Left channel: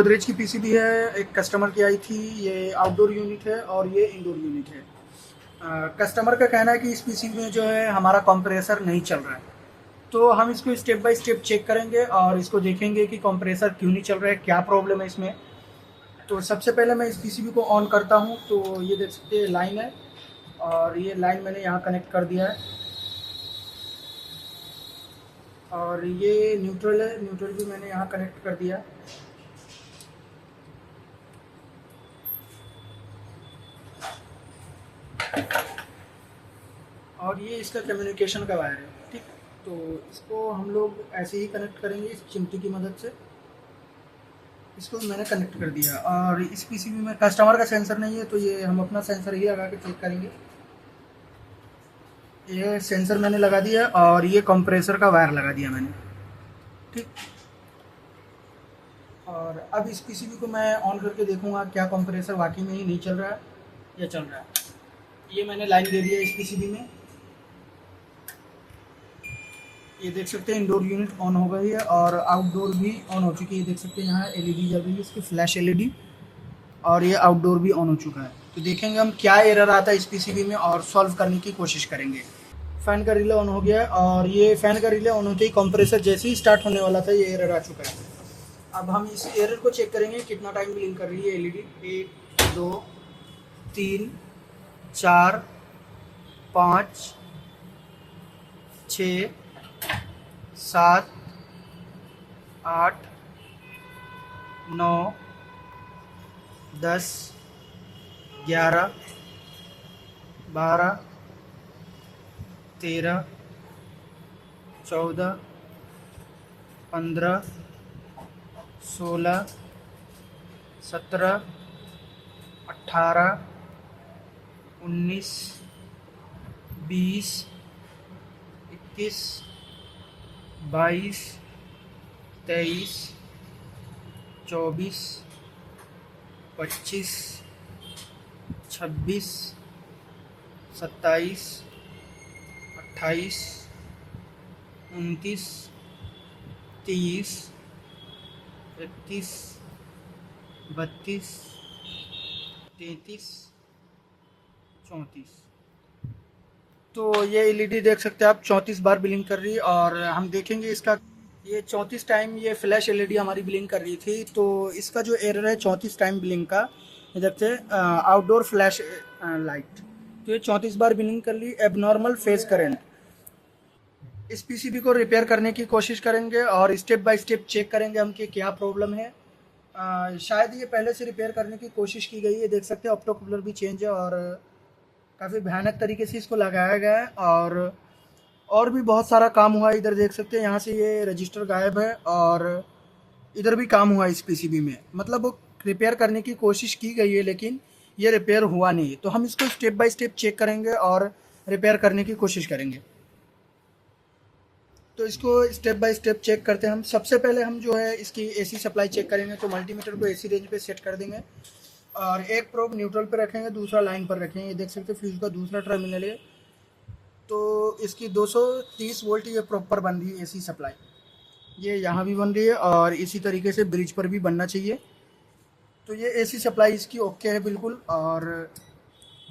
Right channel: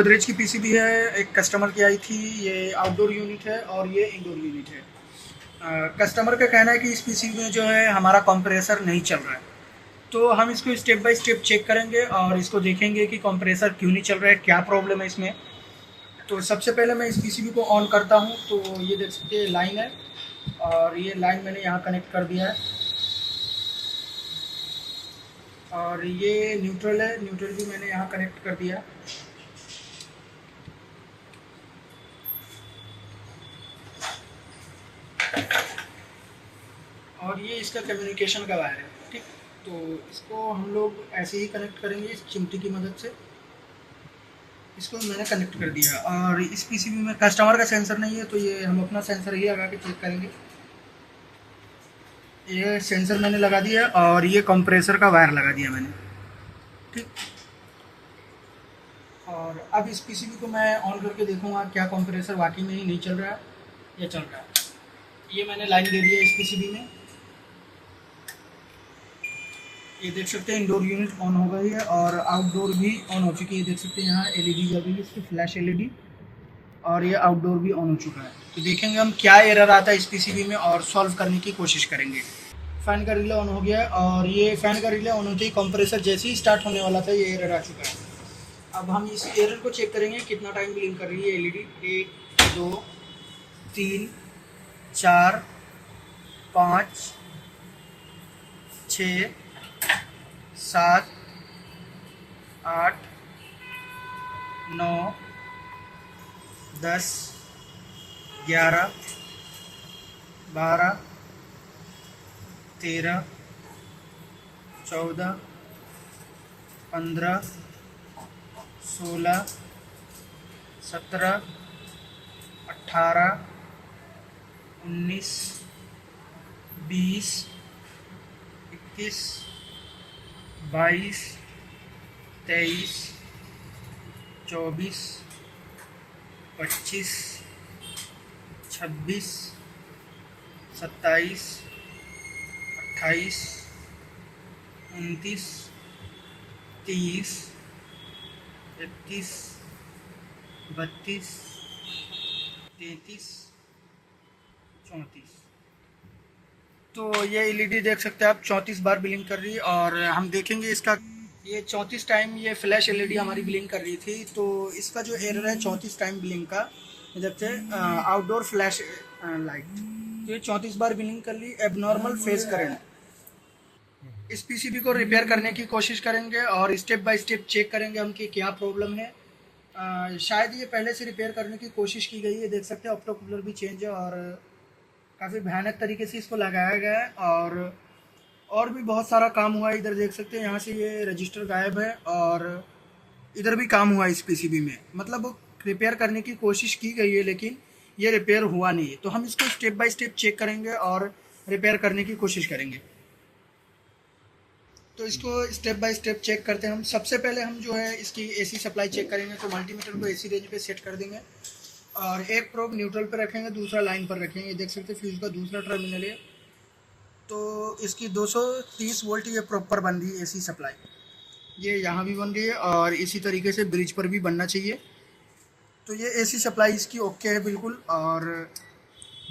गोदरेज की पीसीबी है, एक कस्टमर की आई थी। ये आउटडोर यूनिट है और ये इंडोर यूनिट है। कस्टमर का कहना है कि इस पीसीबी में जो है हमारा कंप्रेसर नहीं चल रहा है। तो हम इसको स्टेप बाय स्टेप चेक करेंगे और इसको देखेंगे कि कंप्रेसर क्यों नहीं चल रहा है, क्या प्रॉब्लम है इसमें। तो सबसे पहले मैं इस पीसीबी को ऑन करता हूँ। तो ये देख सकते हैं लाइन है और ये लाइन मैंने यहाँ कनेक्ट कर दिया है और ये न्यूट्रल है, न्यूट्रल भी मैंने यहाँ कनेक्ट कर दिया। और ये इसका कम्युनिकेशन का वायर है, ठीक। तो इसको हम लोग ऐसे ही कनेक्ट करेंगे इस चिमटी की मदद से। इसको मैंने कनेक्ट कर दिया और इस पीसीबी में कस्टमर का सेंसर नहीं है, तो ये हम अपना सेंसर ही लगा के चेक करेंगे। ये सेंसर मैंने लगा दिया और ये कंप्रेसर का वायर लगा दिया मैंने, ठीक। और अब इस पीसीबी को मैं ऑन करके देखूंगा क्या कंप्रेसर वाकई में ही नहीं चल रहा है या चल रहा है। ये मैंने लाइन दे दी है इस पीसीबी में। ये देख सकते हैं इंडोर यूनिट ऑन हो गई है और आउटडोर भी ऑन हो चुकी है। देख सकते हैं यहाँ एलईडी जल रही है, इसकी फ्लैश एलईडी। और ये आउटडोर भी ऑन हो चुका है। तो देखेंगे हम क्या एरर आता है इस पीसीबी में और सॉल्व करने की कोशिश करेंगे। फ़ैन का रिले ऑन हो गया और ये फ़ैन का रिले ऑन होते ही कंप्रेसर जैसे ही स्टार्ट होने वाला था ये एरर आ चुका है। अब हम इस एरर को चेक करेंगे कितना टाइम ब्लिंक कर रही है एलईडी। 1 2 3 4 5 6 7 8 9 10 11 12 13 14 15 16 17 18 19 20 21 22 23 24 25 26 27 28 29 30 31 32 33 34। तो ये एलईडी देख सकते हैं आप 34 बार ब्लिंक कर रही है और हम देखेंगे इसका। ये 34 टाइम ये फ्लैश एलईडी हमारी ब्लिंक कर रही थी। तो इसका जो एरर है 34 टाइम ब्लिंक का, देखते हैं आउटडोर फ्लैश लाइट। तो ये 34 बार ब्लिंक कर ली। Abnormal phase current. इस पीसीबी को रिपेयर करने की कोशिश करेंगे और स्टेप बाय स्टेप चेक करेंगे हम कि क्या प्रॉब्लम है। शायद ये पहले से रिपेयर करने की कोशिश की गई है। देख सकते हैं ऑप्टो कूलर भी चेंज है और काफ़ी भयानक तरीके से इसको लगाया गया है और भी बहुत सारा काम हुआ है। इधर देख सकते हैं यहाँ से ये रजिस्टर गायब है और इधर भी काम हुआ है इस पीसीबी में। मतलब रिपेयर करने की कोशिश की गई है लेकिन ये रिपेयर हुआ नहीं है। तो हम इसको स्टेप बाय स्टेप चेक करेंगे और रिपेयर करने की कोशिश करेंगे। तो इसको स्टेप बाय स्टेप चेक करते हैं हम। सबसे पहले हम जो है इसकी एसी सप्लाई चेक करेंगे। तो मल्टीमीटर को एसी रेंज पे सेट कर देंगे और एक प्रोब न्यूट्रल पे रखेंगे, दूसरा लाइन पर रखेंगे। ये देख सकते हैं फ्यूज का दूसरा टर्मिनल है। तो इसकी 230 वोल्ट ये प्रॉपर बन रही है एसी सप्लाई। ये यहाँ भी बन रही है और इसी तरीके से ब्रिज पर भी बनना चाहिए। तो ये एसी सप्लाई इसकी ओके है बिल्कुल। और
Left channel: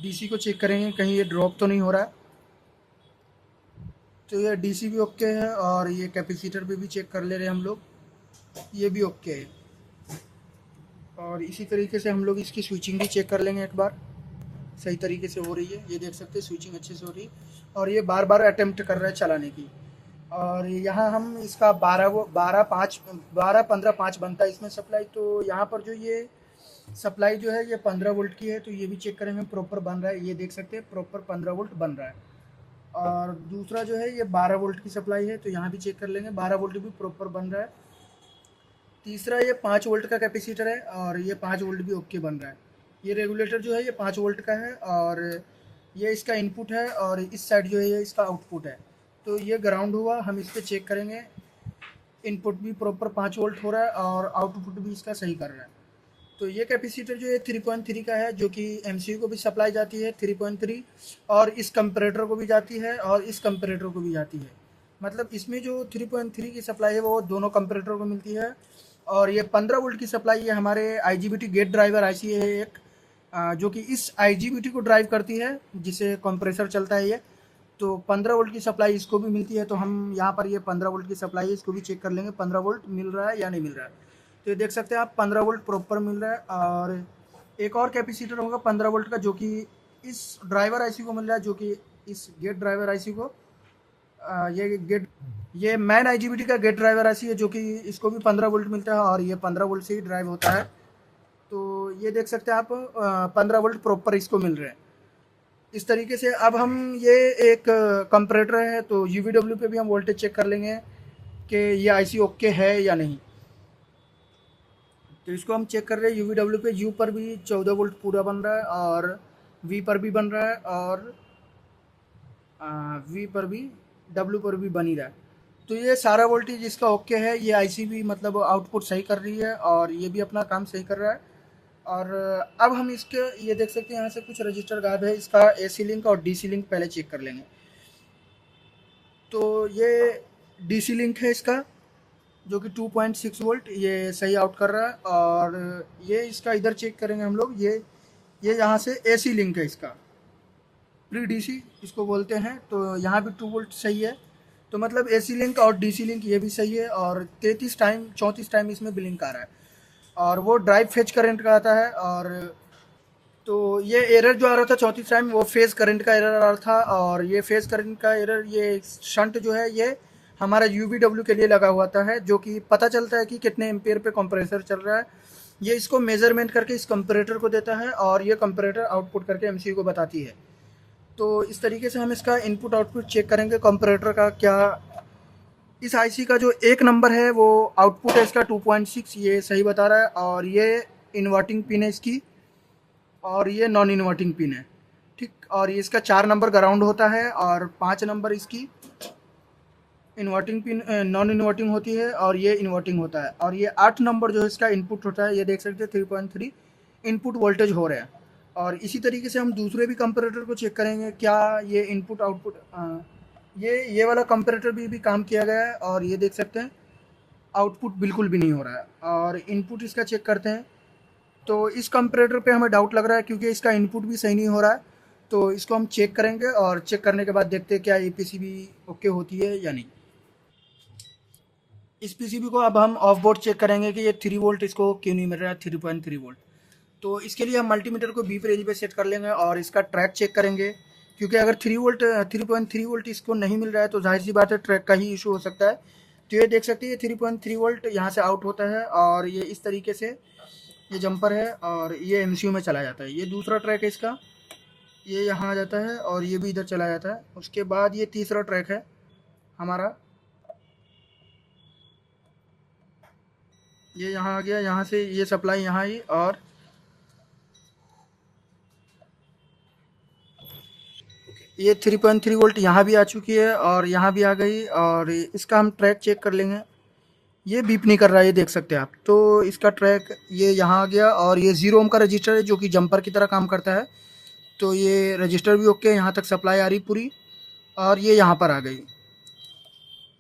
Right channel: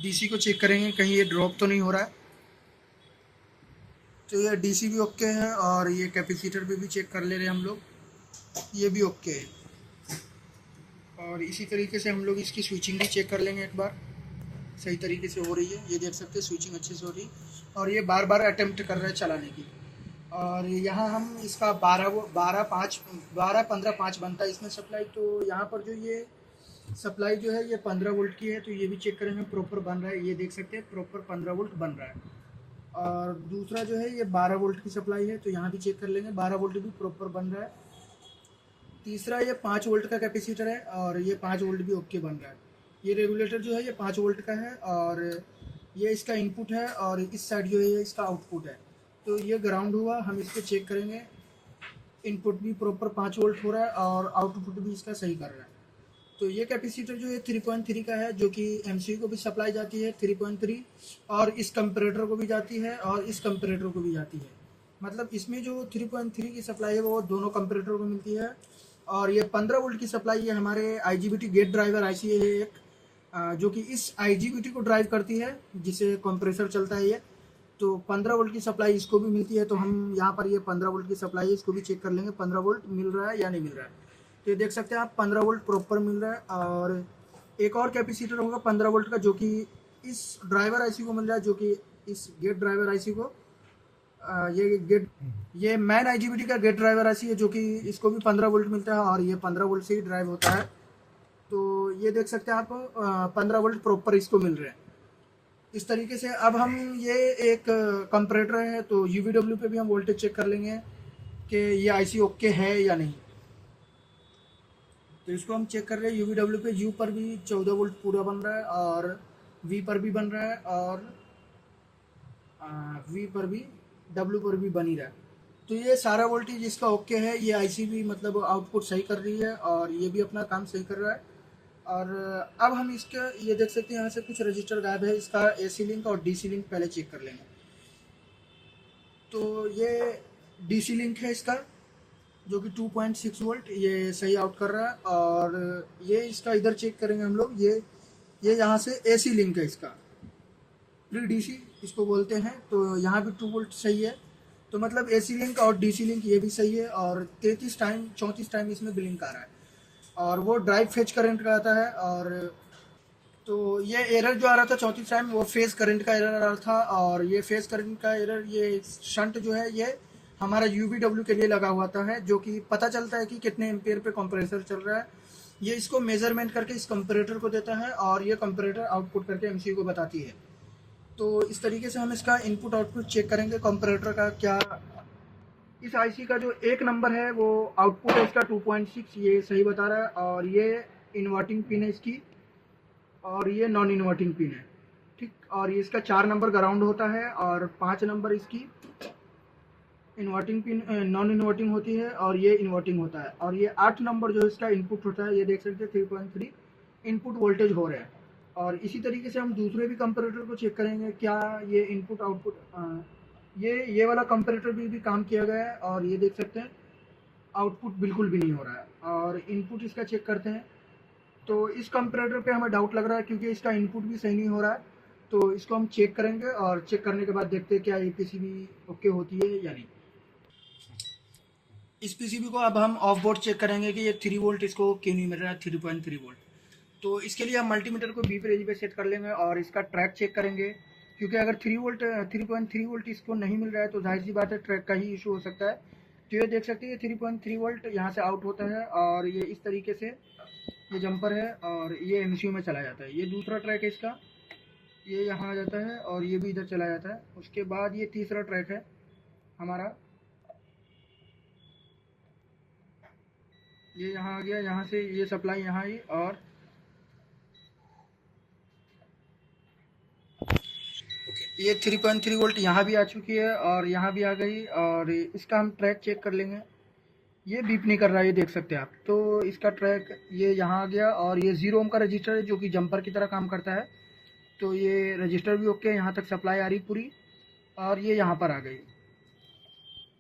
डीसी को चेक करेंगे कहीं ये ड्रॉप तो नहीं हो रहा है। तो ये डीसी भी ओके है और ये कैपेसिटर पे भी चेक कर ले रहे हैं हम लोग, ये भी ओके है। और इसी तरीके से हम लोग इसकी स्विचिंग भी चेक कर लेंगे एक बार, सही तरीके से हो रही है। ये देख सकते हैं स्विचिंग अच्छे से हो रही है और ये बार बार अटेम्प्ट कर रहे हैं चलाने की। और यहाँ हम इसका 12-15-5 बनता है इसमें सप्लाई। तो यहाँ पर जो ये सप्लाई जो है ये 15 वोल्ट की है। तो ये भी चेक करेंगे प्रॉपर बन रहा है। ये देख सकते हैं प्रॉपर 15 वोल्ट बन रहा है। और दूसरा जो है ये 12 वोल्ट की सप्लाई है। तो यहाँ भी चेक कर लेंगे 12 वोल्ट भी प्रॉपर बन रहा है। तीसरा ये 5 वोल्ट का कैपेसिटर है और ये 5 वोल्ट भी ओके बन रहा है। ये रेगुलेटर जो है ये 5 वोल्ट का है और ये इसका इनपुट है और इस साइड जो है ये इसका आउटपुट है। तो ये ग्राउंड हुआ। हम इस पर चेक करेंगे, इनपुट भी प्रॉपर 5 वोल्ट हो रहा है और आउटपुट भी इसका सही कर रहा है। तो ये कैपेसिटर जो है 3.3 का है, जो कि एमसीयू को भी सप्लाई जाती है 3.3 और इस कंपरेटर को भी जाती है और इस कंपरेटर को भी जाती है। मतलब इसमें जो 3.3 की सप्लाई है वो दोनों कंपरेटर को मिलती है और ये 15 वोल्ट की सप्लाई है हमारे IGBT गेट ड्राइवर IC है एक, जो कि इस IGBT को ड्राइव करती है, जिसे कंप्रेसर चलता है ये। तो 15 वोल्ट की सप्लाई इसको भी मिलती है। तो हम यहाँ पर ये 15 वोल्ट की सप्लाई है, इसको भी चेक कर लेंगे 15 वोल्ट मिल रहा है या नहीं मिल रहा है। तो ये देख सकते हैं आप 15 वोल्ट प्रॉपर मिल रहा है। और एक और कैपेसिटर होगा 15 वोल्ट का, जो कि इस ड्राइवर IC को मिल रहा है, जो कि इस गेट ड्राइवर IC को ये मैन IGBT का गेट ड्राइवर IC है, जो कि इसको भी 15 वोल्ट मिलता है और ये 15 वोल्ट से ही ड्राइव होता है। तो ये देख सकते हैं आप 15 वोल्ट प्रॉपर इसको मिल रहे हैं। इस तरीके से अब हम ये एक कंपैरेटर है, तो UVW पे भी हम वोल्टेज चेक कर लेंगे कि ये IC ओके है या नहीं। तो इसको हम चेक कर रहे हैं UVW पे। U पर भी 14 वोल्ट पूरा बन रहा है और V पर भी बन रहा है और V पर भी, W पर भी बन ही रहा है। तो ये सारा वोल्टेज इसका ओके है। ये IC भी मतलब आउटपुट सही कर रही है और ये भी अपना काम सही कर रहा है। और अब हम इसके ये देख सकते हैं यहाँ से कुछ रजिस्टर गायब है। इसका AC लिंक और DC लिंक पहले चेक कर लेंगे। तो ये DC लिंक है इसका, जो कि 2.6 वोल्ट ये सही आउट कर रहा है। और ये इसका इधर चेक करेंगे हम लोग, ये यहाँ से AC लिंक है इसका, प्री DC इसको बोलते हैं। तो यहाँ भी 2 वोल्ट सही है। तो मतलब AC लिंक और DC लिंक ये भी सही है। और 34 टाइम इसमें ब्लिंक आ रहा है और वो ड्राइव फेज करंट का आता है। और तो ये एरर जो आ रहा था 34 टाइम, वो फेज करंट का एरर आ रहा था। और ये फेज करंट का एरर, ये शंट जो है ये हमारा UVW के लिए लगा हुआ है, जो कि पता चलता है कि कितने एम्पियर पे कंप्रेसर चल रहा है। ये इसको मेजरमेंट करके इस कंपैरेटर को देता है और ये कंपैरेटर आउटपुट करके MCU को बताती है। तो इस तरीके से हम इसका इनपुट आउटपुट चेक करेंगे कंपैरेटर का। क्या इस IC का जो एक नंबर है वो आउटपुट है इसका 2.6, ये सही बता रहा है। और ये इन्वर्टिंग पिन है इसकी और ये नॉन इन्वर्टिंग पिन है, ठीक। और ये इसका 4 नंबर ग्राउंड होता है और 5 नंबर इसकी इन्वर्टिंग पिन, नॉन इन्वर्टिंग होती है और ये इन्वर्टिंग होता है। और ये 8 नंबर जो है इसका इनपुट होता है। ये देख सकते हैं 3.3 इनपुट वोल्टेज हो रहा है। और इसी तरीके से हम दूसरे भी कंपैरेटर को चेक करेंगे, क्या ये इनपुट आउटपुट, ये वाला कंपैरेटर भी काम किया गया है। और ये देख सकते हैं आउटपुट बिल्कुल भी नहीं हो रहा है। और इनपुट इसका चेक करते हैं। तो इस कंपैरेटर पे हमें डाउट लग रहा है, क्योंकि इसका इनपुट भी सही नहीं हो रहा है। तो इसको हम चेक करेंगे और चेक करने के बाद देखते हैं क्या ये PCB ओके होती है या नहीं। इस PCB को अब हम ऑफ बोर्ड चेक करेंगे कि ये 3 वोल्ट इसको क्यों नहीं मिल रहा है, 3.3 वोल्ट। तो इसके लिए हम मल्टीमीटर को B रेंज पे सेट कर लेंगे और इसका ट्रैक चेक करेंगे, क्योंकि अगर 3.3 वोल्ट इसको नहीं मिल रहा है तो जाहिर सी बात है ट्रैक का ही इशू हो सकता है। तो ये देख सकते हैं 3.3 वोल्ट यहाँ से आउट होता है और ये इस तरीके से ये जंपर है और ये MCU में चला जाता है। ये दूसरा ट्रैक है इसका, ये यहाँ आ जाता है और ये भी इधर चला जाता है। उसके बाद ये तीसरा ट्रैक है हमारा, ये यहाँ आ गया, यहाँ से ये सप्लाई यहाँ आई और ये 3.3 वोल्ट यहाँ भी आ चुकी है और यहाँ भी आ गई। और इसका हम ट्रैक चेक कर लेंगे। ये बीप नहीं कर रहा है, ये देख सकते हैं आप। तो इसका ट्रैक ये यहाँ आ गया और ये 0 ओम का रजिस्टर है, जो कि जंपर की तरह काम करता है। तो ये रजिस्टर भी ओके, यहाँ तक सप्लाई आ रही पूरी और ये यहाँ पर आ गई।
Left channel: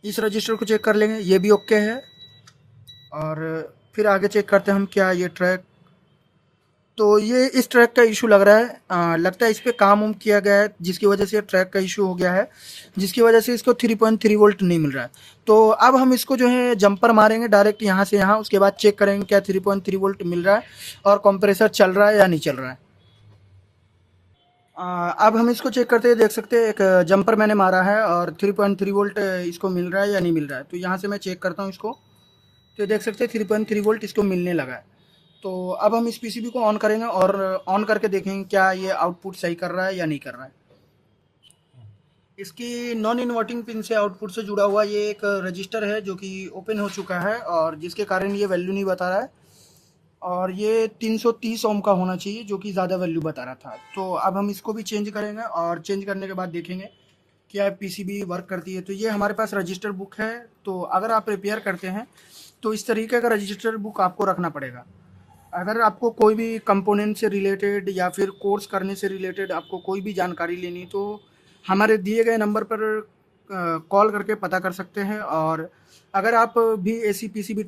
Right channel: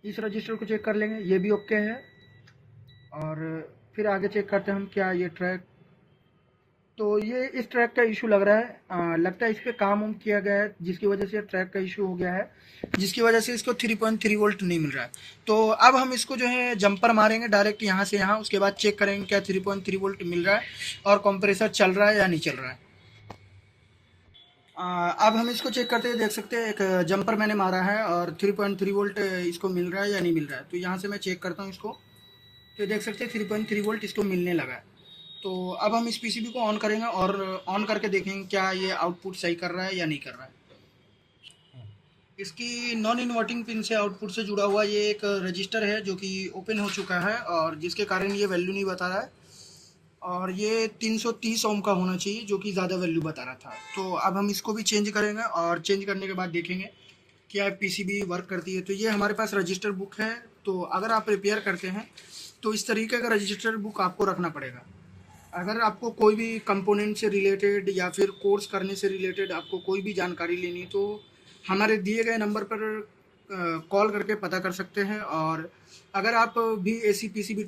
इस रजिस्टर को चेक कर लेंगे, ये भी ओके है। और फिर आगे चेक करते हैं हम क्या ये ट्रैक। तो ये इस ट्रैक का इशू लग रहा है, लगता है इस पर काम उम किया गया है, जिसकी वजह से ट्रैक का इशू हो गया है, जिसकी वजह से इसको 3.3 वोल्ट नहीं मिल रहा है। तो अब हम इसको जो है जंपर मारेंगे डायरेक्ट यहाँ से यहाँ, उसके बाद चेक करेंगे क्या 3.3 वोल्ट मिल रहा है और कंप्रेसर चल रहा है या नहीं चल रहा है। अब हम इसको चेक करते हैं। देख सकते हैं एक जंपर मैंने मारा है और 3.3 वोल्ट इसको मिल रहा है या नहीं मिल रहा है। तो यहाँ से मैं चेक करता हूँ इसको। तो देख सकते हैं 3.3 वोल्ट इसको मिलने लगा है। तो अब हम इस PCB को ऑन करेंगे और ऑन करके देखेंगे क्या ये आउटपुट सही कर रहा है या नहीं कर रहा है। इसकी नॉन इन्वर्टिंग पिन से आउटपुट से जुड़ा हुआ ये एक रजिस्टर है, जो कि ओपन हो चुका है और जिसके कारण ये वैल्यू नहीं बता रहा है। और ये 330 ओम का होना चाहिए, जो कि ज़्यादा वैल्यू बता रहा था। तो अब हम इसको भी चेंज करेंगे और चेंज करने के बाद देखेंगे क्या PCB वर्क करती है। तो ये हमारे पास रजिस्टर बुक है। तो अगर आप रिपेयर करते हैं तो इस तरीके का रजिस्टर बुक आपको रखना पड़ेगा। अगर आपको कोई भी कंपोनेंट से रिलेटेड या फिर कोर्स करने से रिलेटेड आपको कोई भी जानकारी लेनी, तो हमारे दिए गए नंबर पर कॉल करके पता कर सकते हैं। और अगर आप भी एसी पीसीबी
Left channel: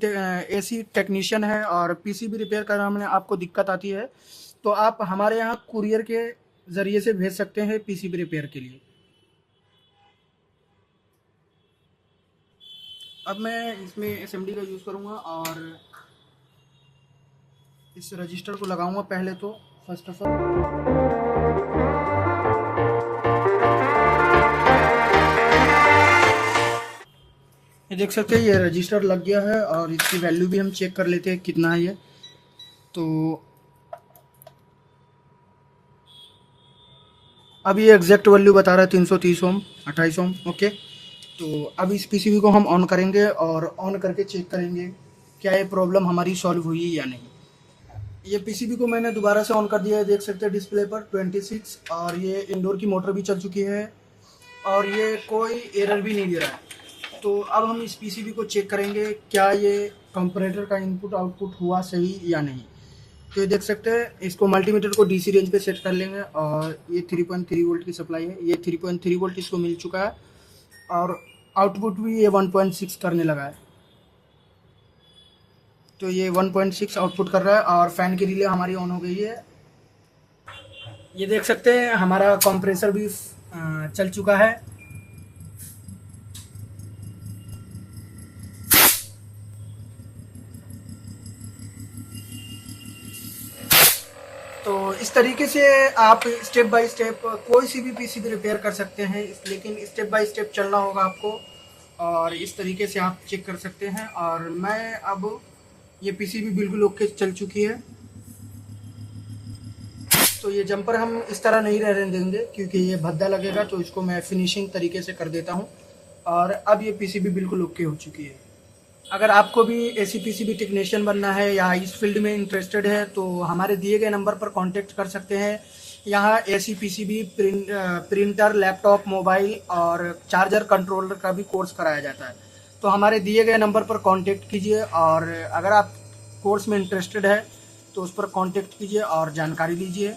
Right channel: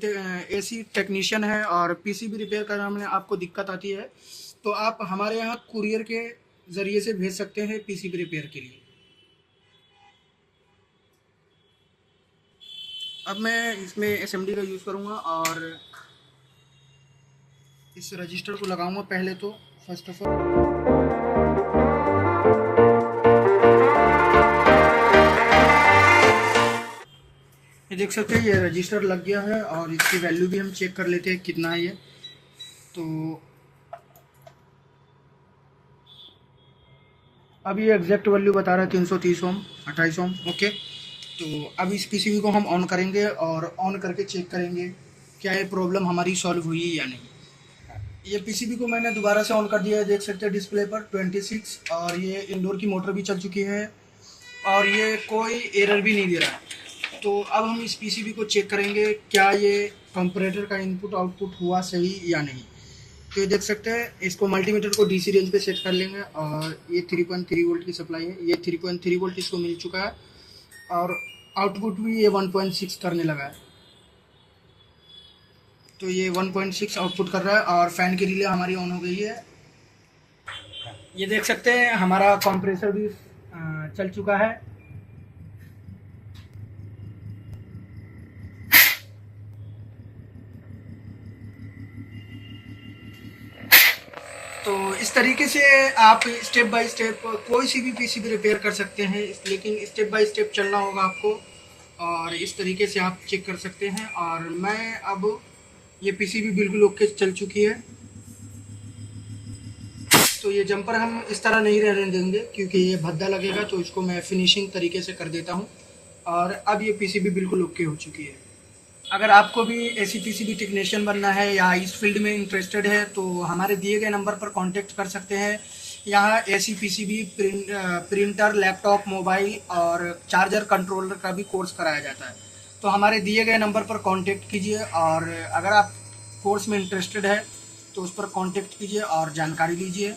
एसी टेक्नीशियन हैं और पीसीबी रिपेयर करने में आपको दिक्कत आती है, तो आप हमारे यहाँ कुरियर के ज़रिए से भेज सकते हैं पीसीबी रिपेयर के लिए। अब मैं इसमें एसएमडी का यूज़ करूँगा और इस रजिस्टर को लगाऊंगा पहले तो फर्स्ट ऑफ ऑल। ये देख सकते हैं ये रजिस्टर लग गया है और इसकी वैल्यू भी हम चेक कर लेते हैं कितना है ये। तो अब ये एग्जैक्ट वैल्यू बता रहा है 330 ओम 28 ओम। ओके, तो अब इस पीसीबी को हम ऑन करेंगे और ऑन करके चेक करेंगे क्या ये प्रॉब्लम हमारी सॉल्व हुई है या नहीं। ये पीसीबी को मैंने दोबारा से ऑन कर दिया है, देख सकते हैं डिस्प्ले पर 26 और ये इंडोर की मोटर भी चल चुकी है और ये कोई एरर भी नहीं दे रहा है। तो अब हम इस पीसीबी को चेक करेंगे क्या ये कंपैरेटर का इनपुट आउटपुट हुआ सही या नहीं। तो ये देख सकते हैं इसको मल्टीमीटर को डीसी रेंज पे सेट कर लेंगे और ये 3.3 वोल्ट की सप्लाई है, ये 3.3 वोल्ट इसको मिल चुका है और आउटपुट भी ये 1.6 करने लगा है। तो ये 1.6 आउटपुट कर रहा है और फैन की रिले हमारी ऑन हो गई है। ये देख सकते हैं हमारा कंप्रेसर भी चल चुका है। तो इस तरीके से आप स्टेप बाय स्टेप कोई सी भी पीसीबी रिपेयर कर सकते हैं, लेकिन स्टेप बाय स्टेप चलना होगा आपको और इस तरीके से आप चेक कर सकते हैं। और मैं अब ये पीसीबी बिल्कुल ओके चल चुकी है। तो ये जंपर हम इस तरह नहीं रहने देंगे क्योंकि ये भद्दा लगेगा, तो इसको मैं फिनिशिंग तरीके से कर देता हूँ। और अब ये पीसीबी बिल्कुल ओके हो चुकी है। अगर आपको भी ऐसी पीसीबी टेक्नीशियन बनना है या इस फील्ड में इंटरेस्टेड है तो हमारे दिए गए नंबर पर कांटेक्ट कर सकते हैं। यहाँ ऐसी पीसीबी प्रिंटर, लैपटॉप, मोबाइल और चार्जर कंट्रोलर का भी कोर्स कराया जाता है। तो हमारे दिए गए नंबर पर कांटेक्ट कीजिए और अगर आप कोर्स में इंटरेस्टेड है तो उस पर कांटेक्ट कीजिए और जानकारी लीजिए।